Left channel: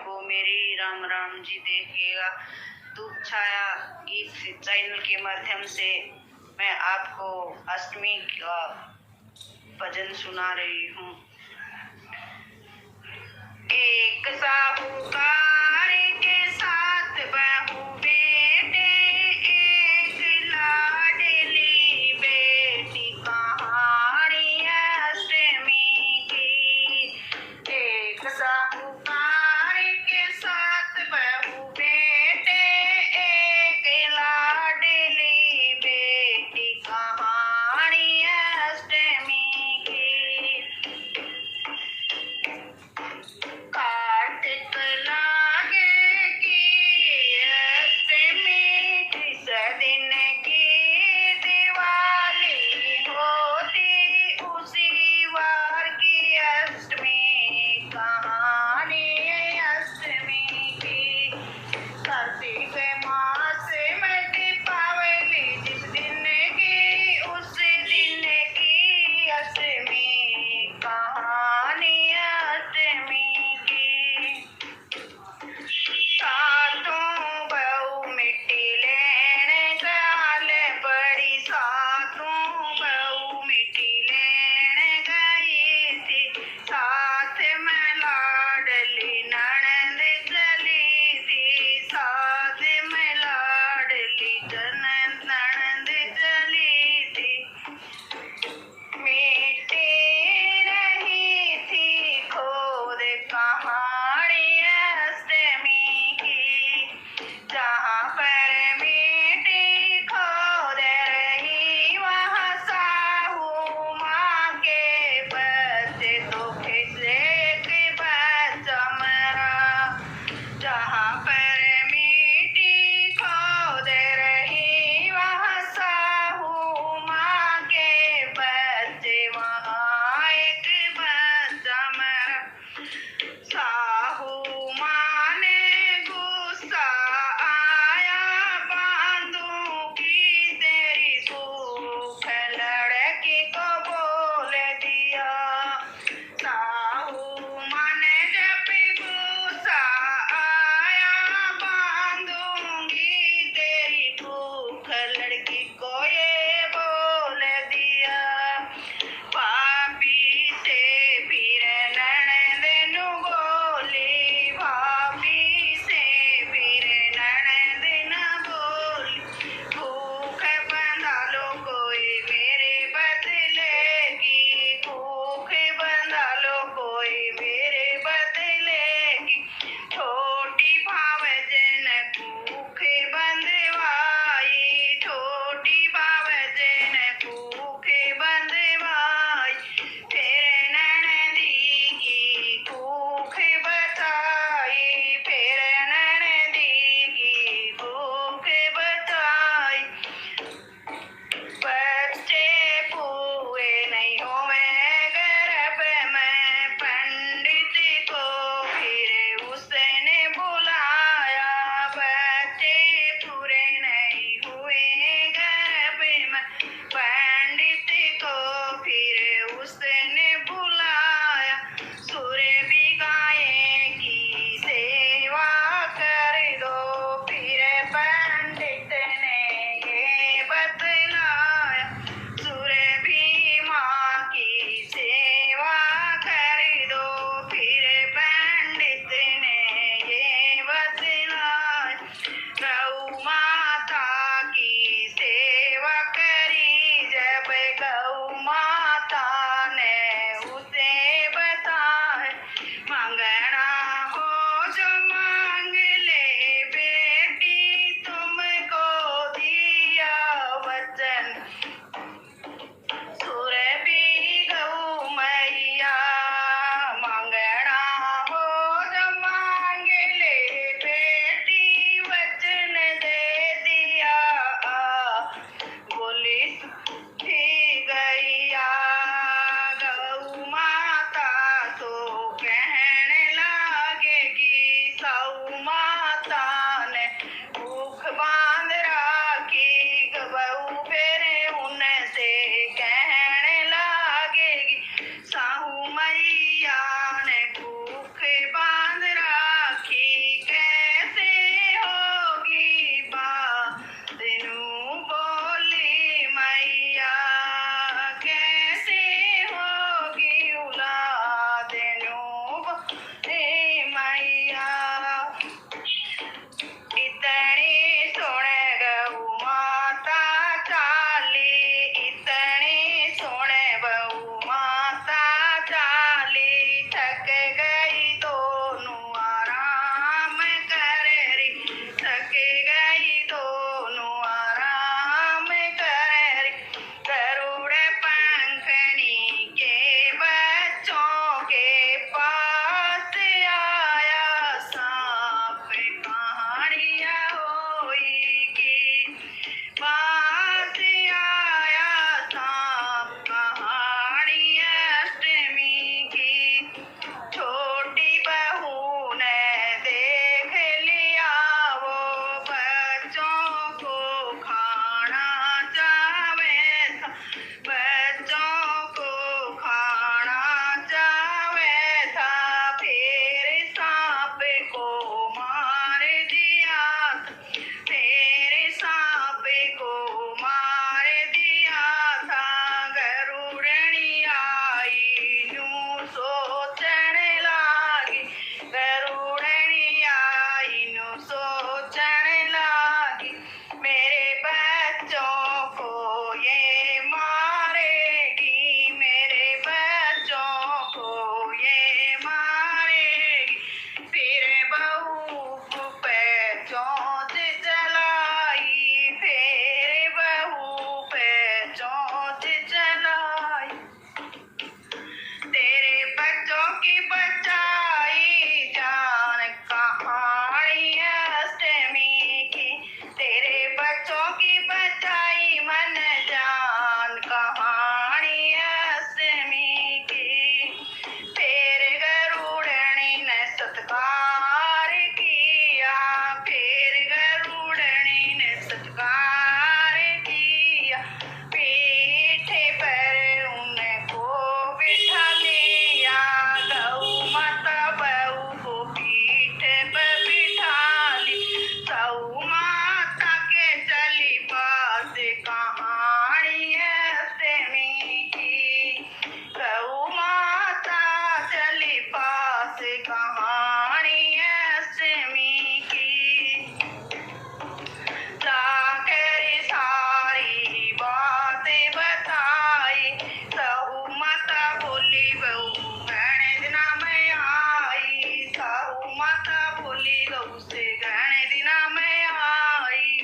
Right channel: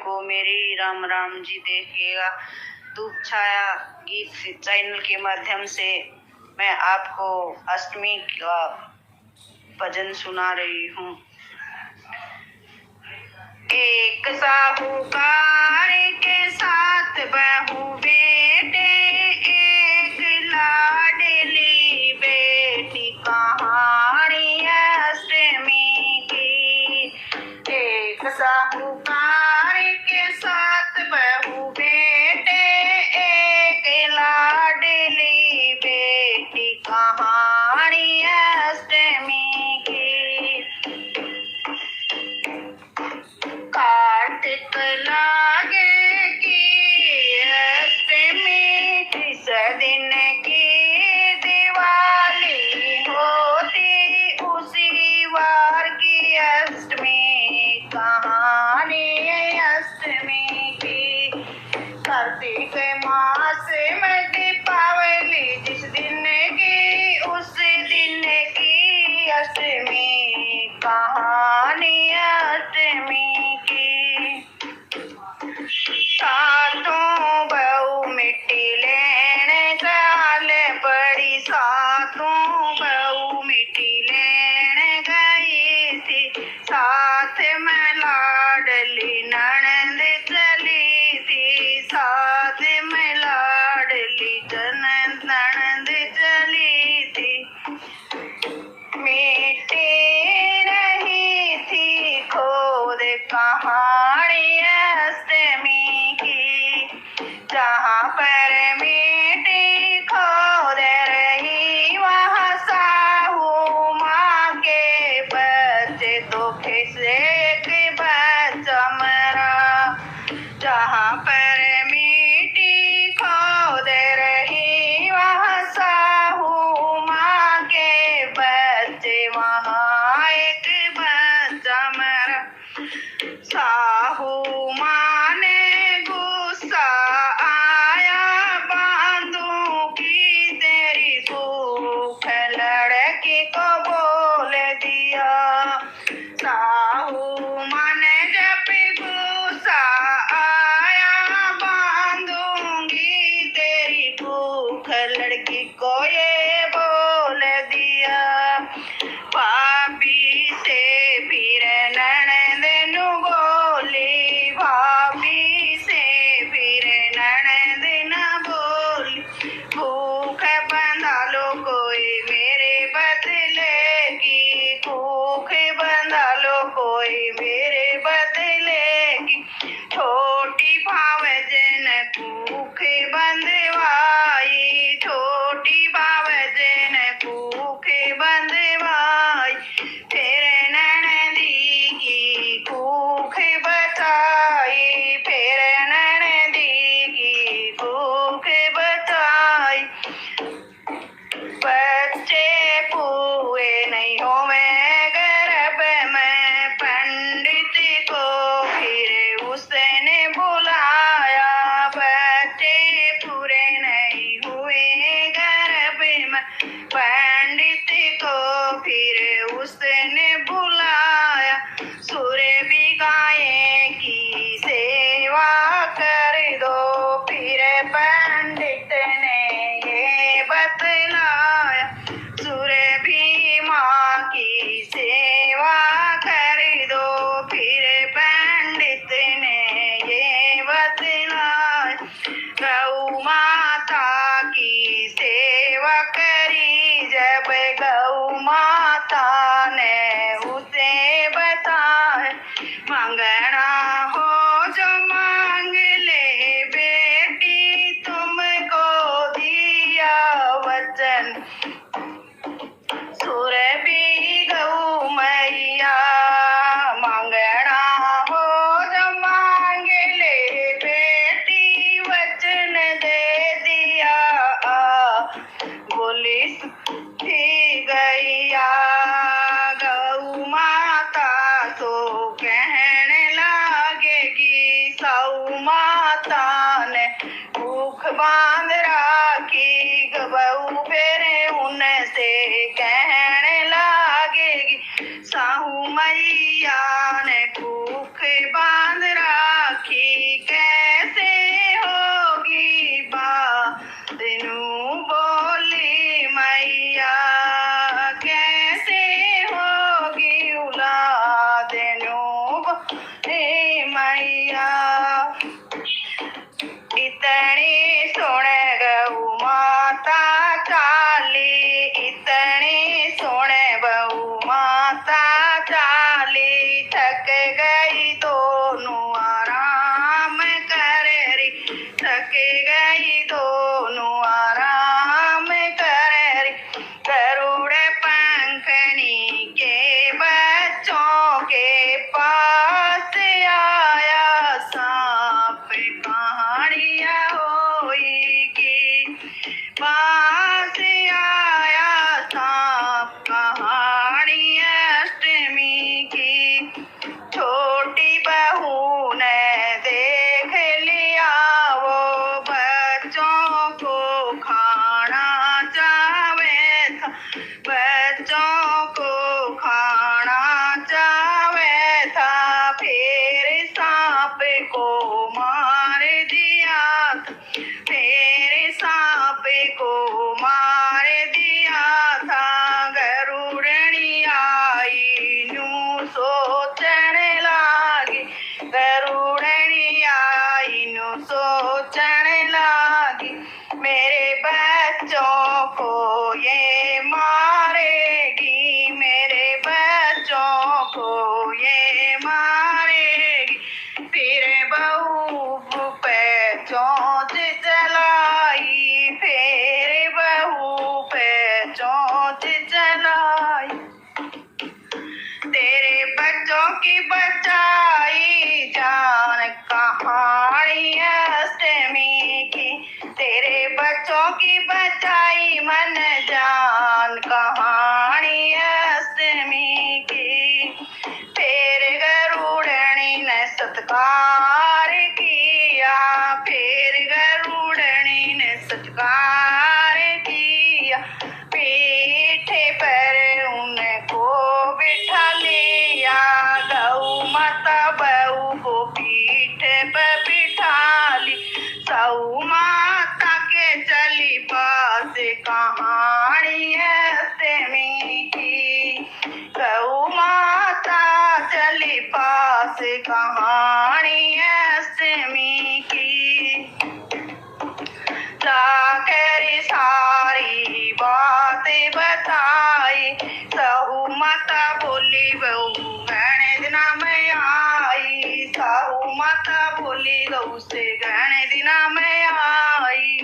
को मेरी राम राम जी देखिएगा। धूप छाया गीत चैनल के माध्यम से मैं आपको अष्टमी का भजन सुना रही हूँ। एक साहूकार के साथ बहू बेटे, एक लाडली बेटी, कहानी अष्टमी की। एक साहूकार के साथ बहू बेटे, एक लाडली बेटी, कहानी अष्टमी की। कार्तिक लागे की अष्टमी, किस दिन की दिवाली होती, उसी वार की अष्टमी, कहानी अष्टमी की। कार्तिक मास में दीपावली जिस दिन की, उस दिन की अष्टमी, कहानी अष्टमी की। सातों बहू मिट्टी लेने चल पड़ी, सातों बहू मिट्टी लेने गई थी, साथ में लाडली ननद चली थी, साथ में लाडली ननद चली थी। मिट्टी रही थी खोद कहानी अष्टमी की, जहाँ पर मिट्टी खोद रही वहाँ साहू माँ के बच्चे तो खिसे के बच्चा मरा। जहाँ पर मिट्टी खोद रही वहाँ साहू माँ के बच्चे, वहाँ एक बच्चा मरा। साहू माँ ने गुस्सा आया, बांधूंगी तेरी सूख, लड़की को बोल दिया। साहू माँ ने जब गुस्सा आया, बांधूंगी तेरी भूख, लड़की को ये बोल दिया। पापी से फिर ननद नु बोली, को मार दिया था, मेरे सांपे को मार दिया था। गरुड़नी आई न्यू सोचने लागी, गरुड़नी आई न्यू सोचने लागी, मेरे बच्चों को ये मारेगी, मेरे बच्चों को ये मारेगी। फिर बहू पे चोंच चलाई, फिर बहू पे चोंच चलाई। तेरे बच्चों की बचाई जान कहानी अष्टमी की, तेरे बच्चों की बचाई मन जान कहानी अष्टमी की। फिर गरुड़नी ने सत्कार किया, फिर गरुड़नी ने सत्कार किया, पीठे पर उनको बिठा लिया। गौ माता बहू को पीठ पर बिठा ली, गौ माता के चली पास कहानी अष्टमी की, गौ माता चली पास कहानी अष्टमी की। जाकर सारी बातें बताई, सहू माता बोली बहू घने दिना में आई, सहू माता बोली बहू से घने दिना में आई।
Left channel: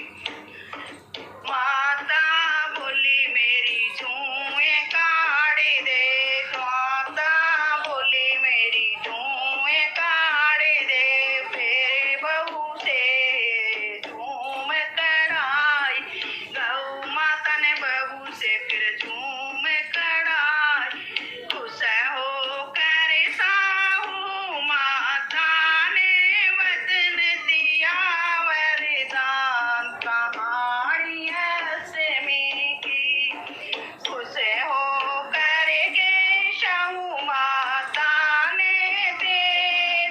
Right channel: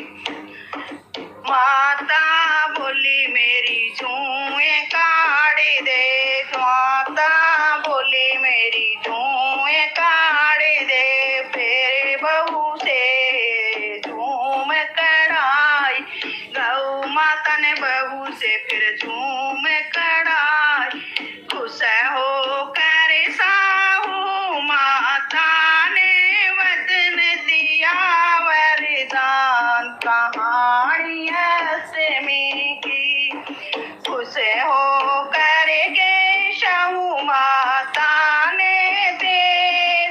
माता बोली मेरी जुएं काढ़ दे, माता बोली मेरी जुएं काढ़ दे। फिर बहू से झूम कढ़ाई, गौ माता ने बहू से फिर झूम कढ़ाई। खुश हो कर साहू माता ने वचन दिया वरदान कहानी अष्टमी की। खुश हो कर के साहू माता ने दे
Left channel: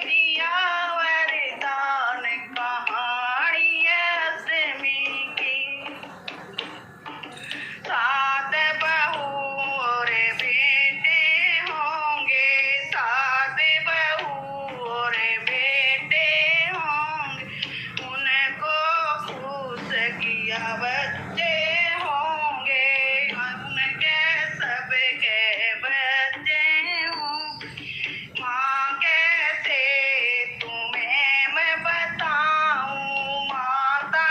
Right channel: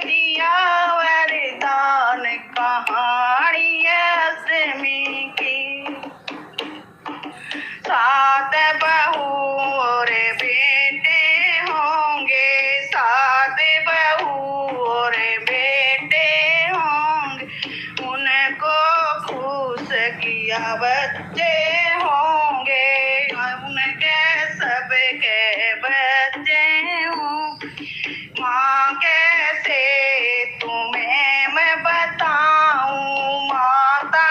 दिया वरदान कहानी अष्टमी की। सात बहू और बेटे होंगे, सात बहू और बेटे होंगे, उनको खुश किया बच्चे होंगे, उनके सबके बच्चे होंगे। माँ कैसे तुम्हें मैं बताऊं, माता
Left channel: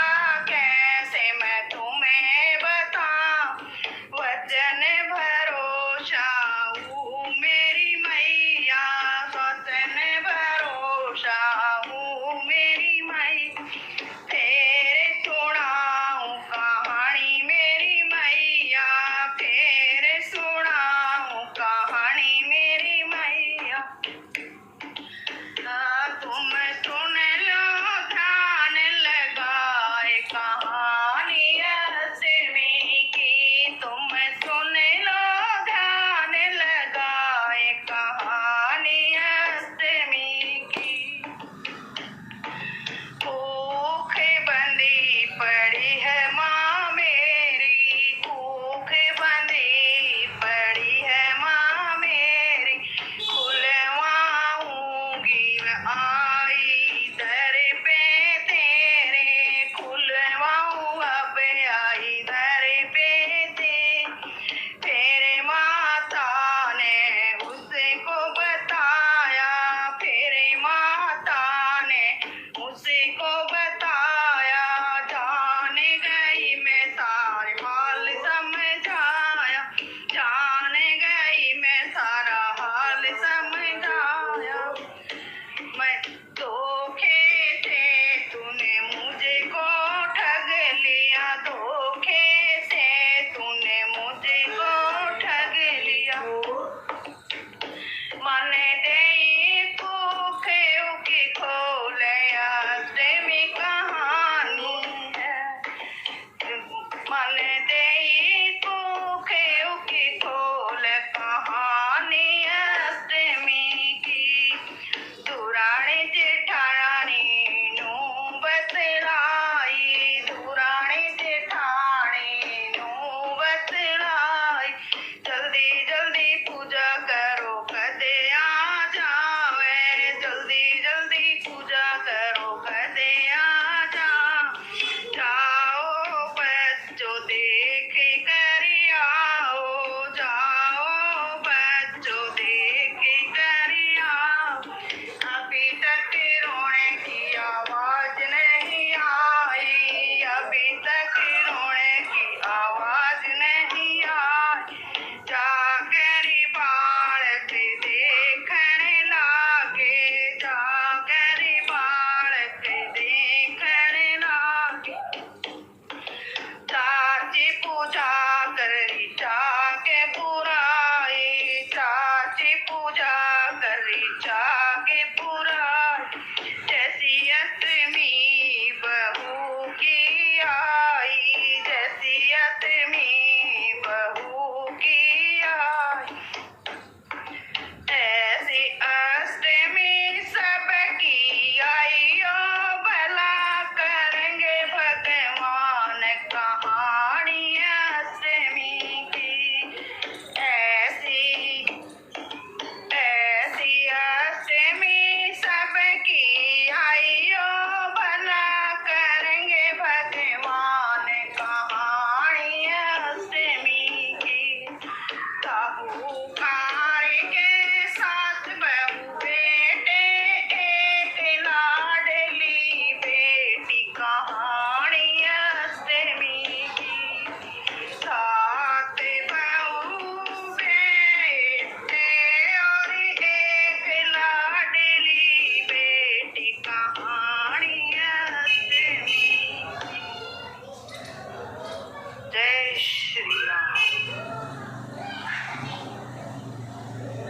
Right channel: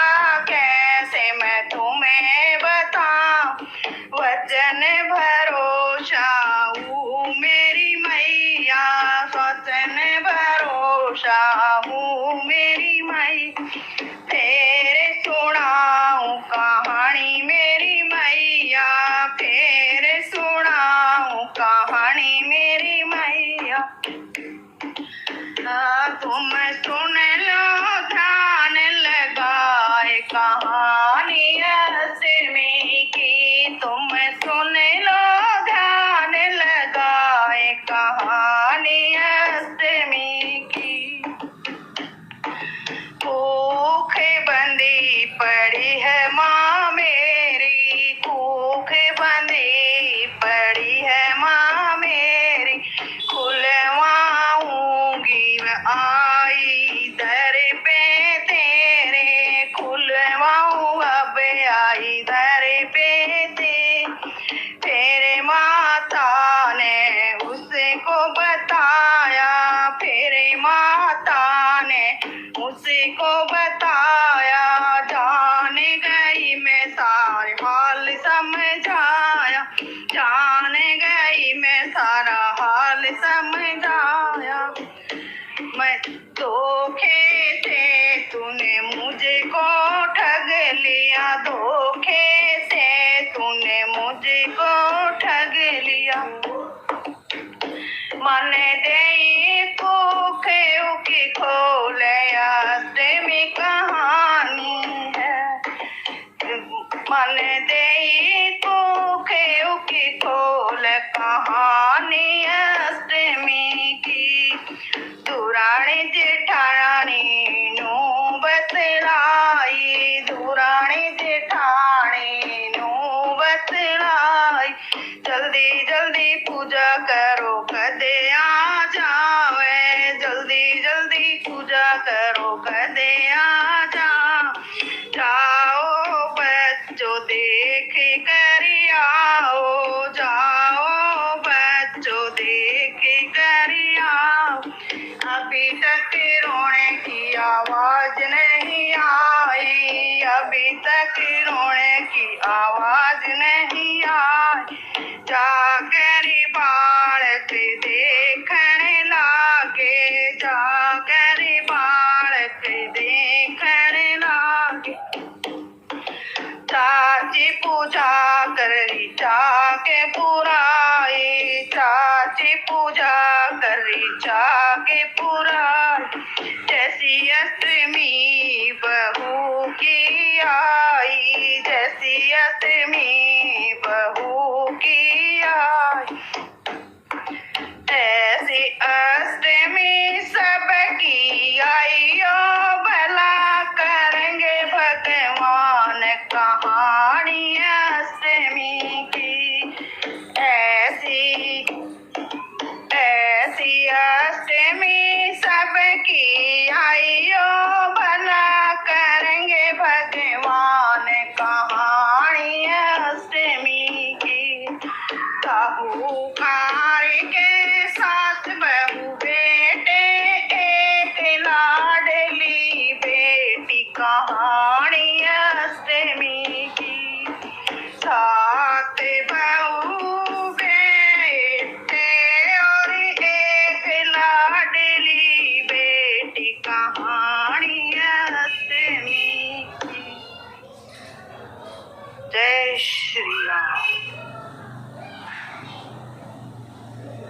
कैसे मैं तुम्हें बताऊं, वचन भरोसा हूँ मेरी मैया, वचन भरोसा हूँ मेरी मैया। फिर सुनाऊं कहानी मेरी मैया, फिर सुनाऊं कहानी मेरी मैया। तुम सुन लो ध्यान लगाए कहानी अष्टमी की, तुम सुन लो ध्यान लगाए कहानी अष्टमी की। भूख बंदी पड़ी है माँ मेरी, भूख बंदी पड़ी है माँ मेरी, खुलवाऊंगी वह आई गधे आजा, जाओ बच्चों देख कर आओ, जाओ बच्चों देख कर आओ। अभी तक रोने की आवाज नहीं आई, अभी तक रोने की आवाज नहीं आई। जाकर बालक देखने लागे, जाकर बालक देखने लागे। चाची पूजा करी जाके पुराई, चाची पूजा करी जाके पुराई। जैसी अष्टमी बहू की